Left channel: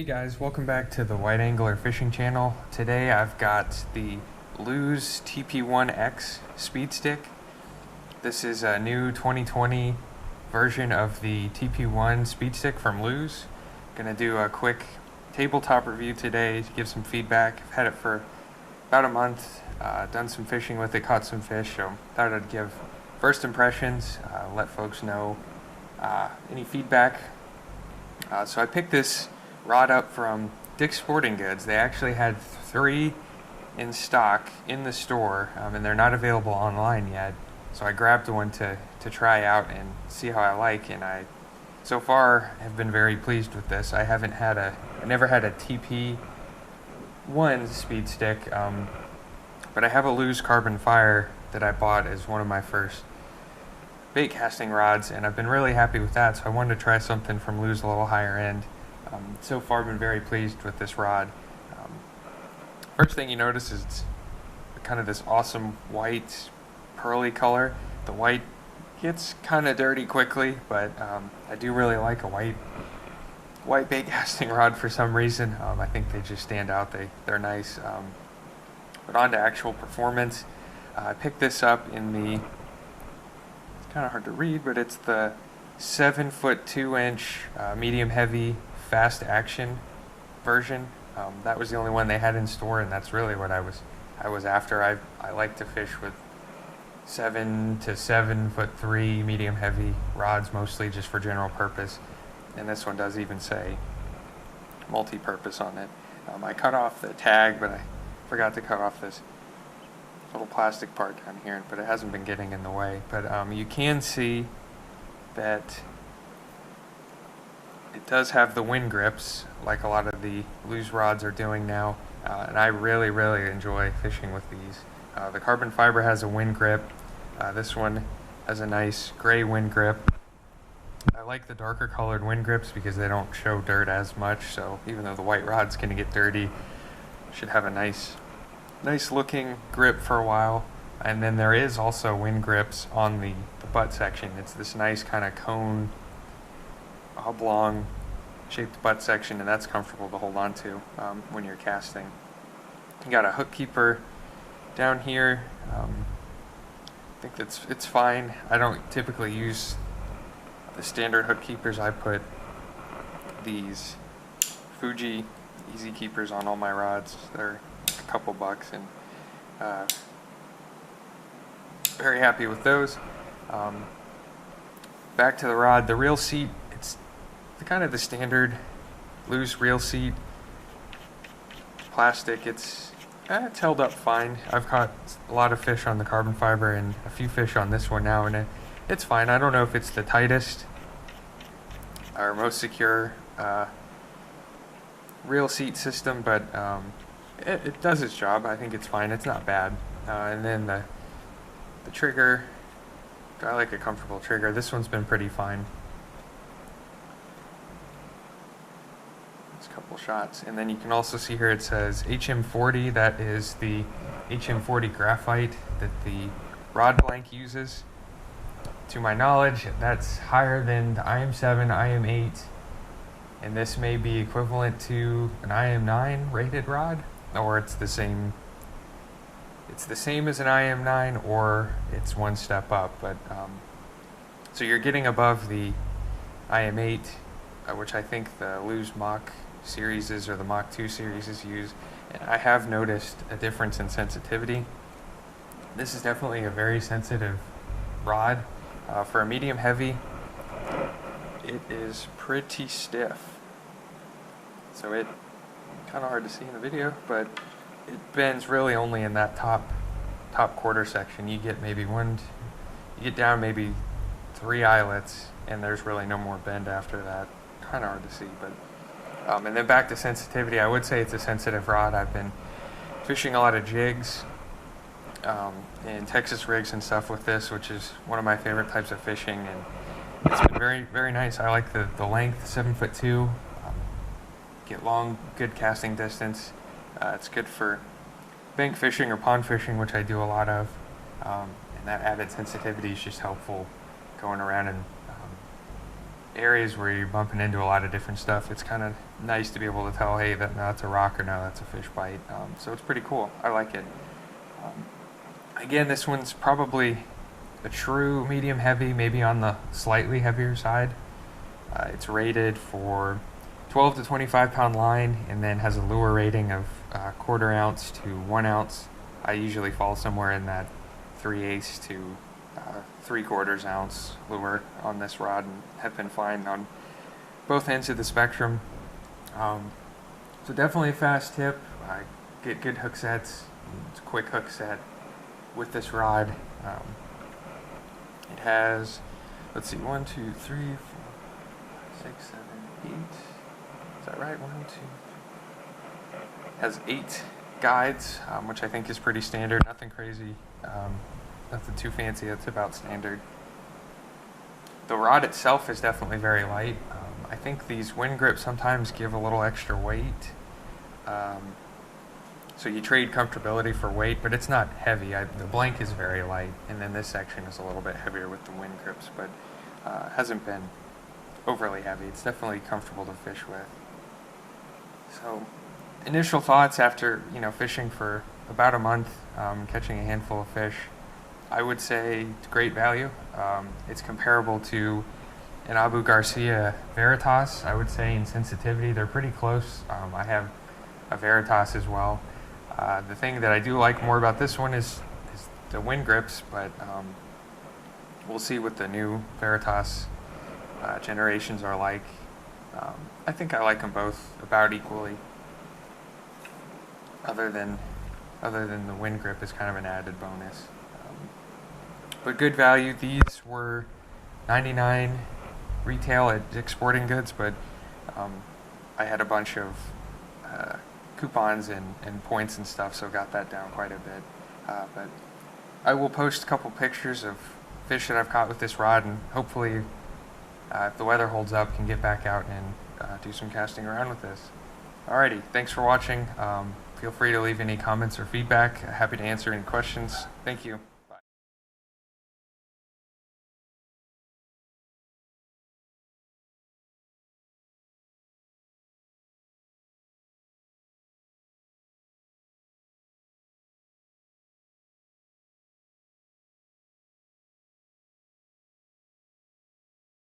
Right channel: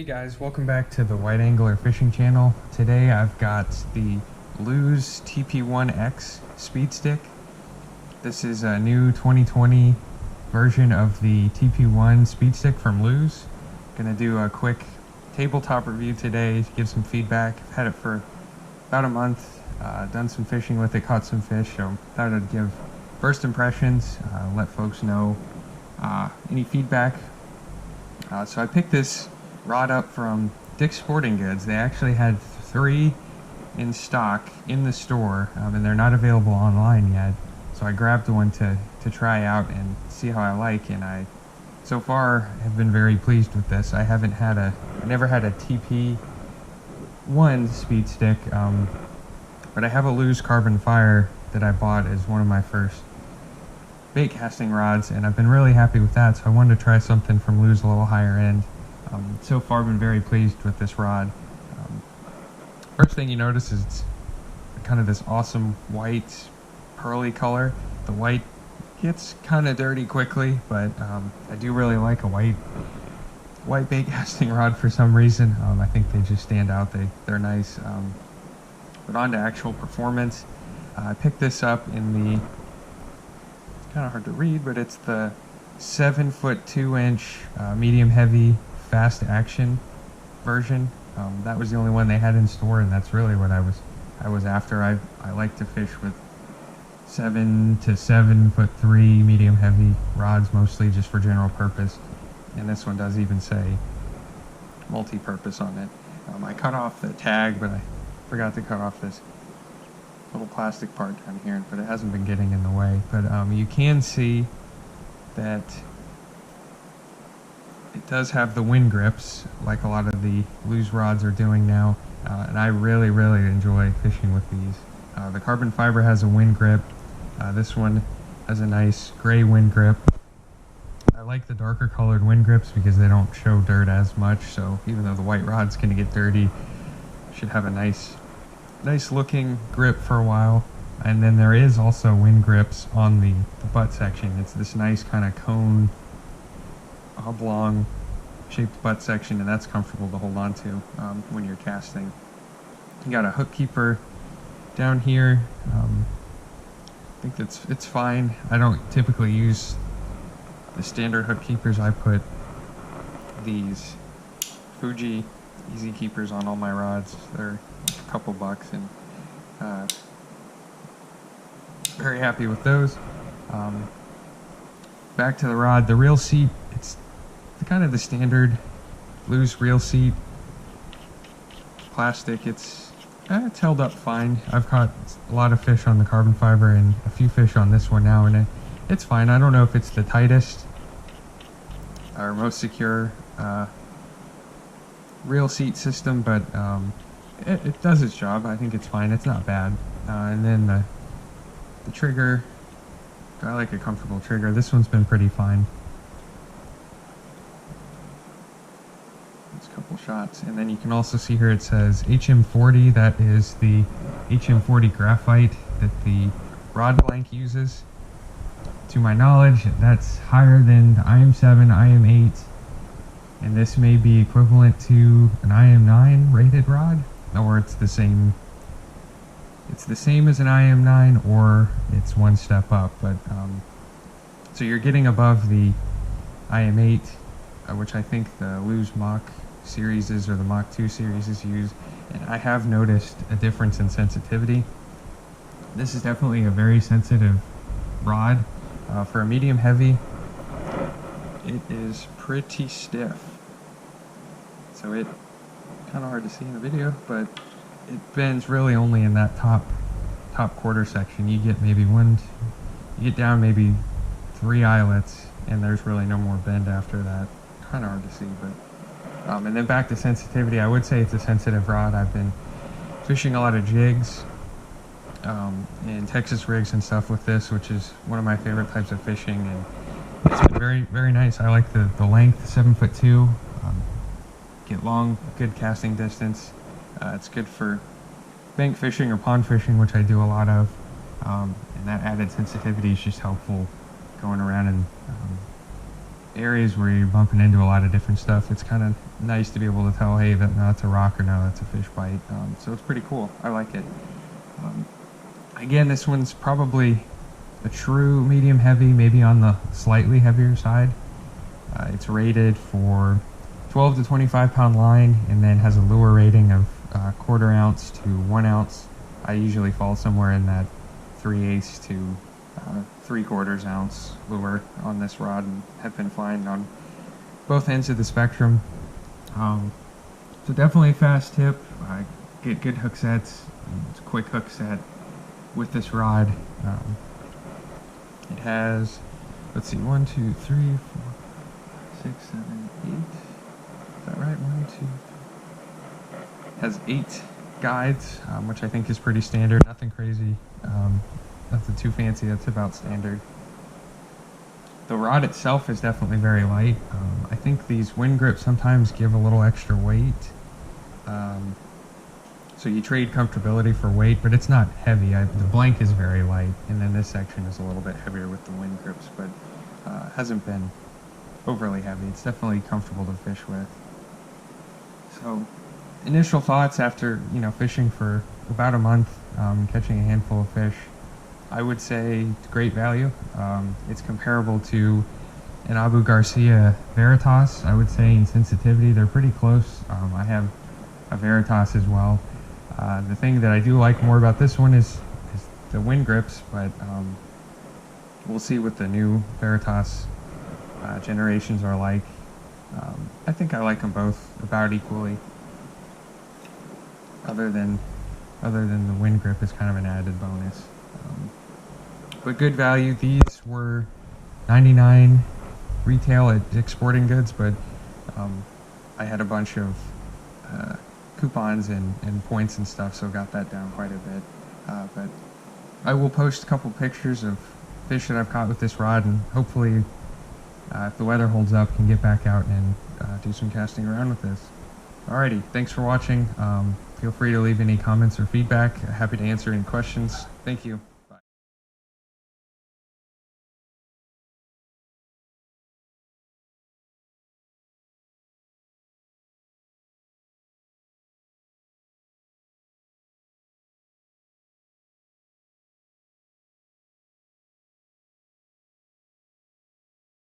Hey guys, welcome back to the Wide Angler Fishing Channel. Today I've got the Lew's TP1X Speed Stick. This is a new 2020 version of the TP1 Speed Stick from Lew's. Gonna do a quick tabletop review today to give some feedback. I've had it for about a month, done some fishing with it, caught some fish, so thought I'd give first impressions, let folks know any feedback. So I picked this rod up from Dick's Sporting Goods. They actually had 3 in stock in the store, and they're not available online yet. So I grabbed one to try out and see how I like, and I so far have been very pleased with this. I never had a TP1 speed stick, but I have a Lew's Carbon Fire that I bought as one of my first bait casting rods, and I've been really happy with that, so I wanted to try something from Lew's a little higher end. So far, I've been very pleased with this rod. First thing you notice is it's kind of this awesome white, pearly color. The white gets kind of dirty quickly, but I do really like a white bait casting rod for some reason. I think they just stand out. They're nice. But on to actual performance. I picked this up in the, it's kind of hard to read, but it's the 7-foot 2-inch medium heavy fast action version. That was the only one they had in store, and that's really what I was after. I like to fish with 7 to 7'3" medium heavy rods, mostly just for general purpose, and this one does even say multi-purpose on it. I cut off the tag, but I forgot to cut off this little plastic part down here, but it hasn't been getting in the way. But you can see that it does have the Winn grips, like a lot of the Lew's rods are doing now, and I really enjoy fishing with these. The carbon fiber has a Winn grip. This one has a nice gray Winn grip. I like the darker colored Winn grips because they don't show dirt as much, so even though the white rod's going to get dirty, it should have a nice looking grip for a while. And then there is also Winn grips on the butt section. It's this nice kind of cone, oblong shaped butt section, and that's comfortable to hold on to when you're casting. You got a hook keeper down here. I think it's fine. I don't typically use the standard hook keepers. I put these Fuji easy keepers on all my rods. They're like a couple bucks, and very happy with those. Back to the rod, the reel seat, it's kind of the standard Lew's reel seat, plastic. It's held up fine. I've caught a lot of fish on the carbon fiber and a few fish on this one now, and it's fine. I don't know if it's the tightest or most secure reel seat system, but it does its job. I think it's fine. It's not bad. And then the trigger, I like a comfortable trigger. This one's been pretty fine. It's a couple shots. And then you can also see here it says HM40. That is the HM40 graphite that the rod blank uses. To my knowledge, that's higher than the IM7, IM8, and this may be equivalent to an IM9 rated rod, or it's the same as an IM9, or it's one step up. But so you're getting above the IM8, which I think the Lew's Mach series or the Mach 2 series use, and I have noticed a difference in sensitivity. This is definitely a very sensitive rod. For a medium heavy, it is pretty stiff. So it kind of hard to see in the video, but it bends really only in that top quarter section. You get maybe you get down maybe 3 eyelets, and there's really no more bend after that. Kind of hard to see, but and then back to sensitivity. I would say it's a sensitive rod. I've been fishing a lot of jigs and Texas rigs and stuff with this, which is one of my favorite types of fishing, and it's been very nice. I like the length, 7'2". Get long, good casting distance. It's good for bank fishing or pond fishing, which I do a lot of, and that added sensitivity is just helpful going around and areas where you're bumping into a lot of different stuff, it's kind of nice to be able to tell, hey, no, that's a rock, or no, that's a fish bite. So it's pretty cool. I like it. Again, this one's probably a true medium heavy, maybe on the slightly heavier side. It's rated for 12 to 25 pound line, and then has a lure rating of 1/4 ounce to 1 ounce. I usually fall somewhere in that 3/8 to 3/4 ounce lure on this rod, and have been fine on both ends of the spectrum. So definitely a fast tip. Get good hook sets. It's a quick hook set with this rod. It has, let's see, 1, 2, 3, 4, 5, 6, 7, 8. Is that right? 1, 2, 3. Has 8 guides, which I think is pretty standard. Nothing crazy. Nothing too fancy. That's about standard. The rod itself is definitely very light. I think these Winn grips sometimes give a little extra weight. So you trade comfortability for weight, but it's not heavy. The blank is very light, and then this section is a little bit heavier with the Winn grips, but hasn't been overly heavy. It's definitely comfortable to fish with. So initial thoughts after fishing for about a month, catching a handful of fish, I would say it's great value. It's comparable to an Abu Garcia Veritas, I would say, in sensitivity. They're pretty close. I have a Veritas as well. The thing that I do like more about this one is the Winn grips, but we'll see what the new Veritas generations are like. I think I like them both about equally. Other than the Winn grip is kind of an added bonus. But good value. These were $99 retail at Dick's Sporting Goods, but I had a bunch of coupons and points and stuff, so got that down quite a bit. But I will post a couple pictures of fish that I've caught with this rod, and hopefully, if the weather holds up, can get back out and do some casting around with this. Alrighty, thanks for watching. Feel free to leave any comments or feedback. Happy to answer any questions. Thank you.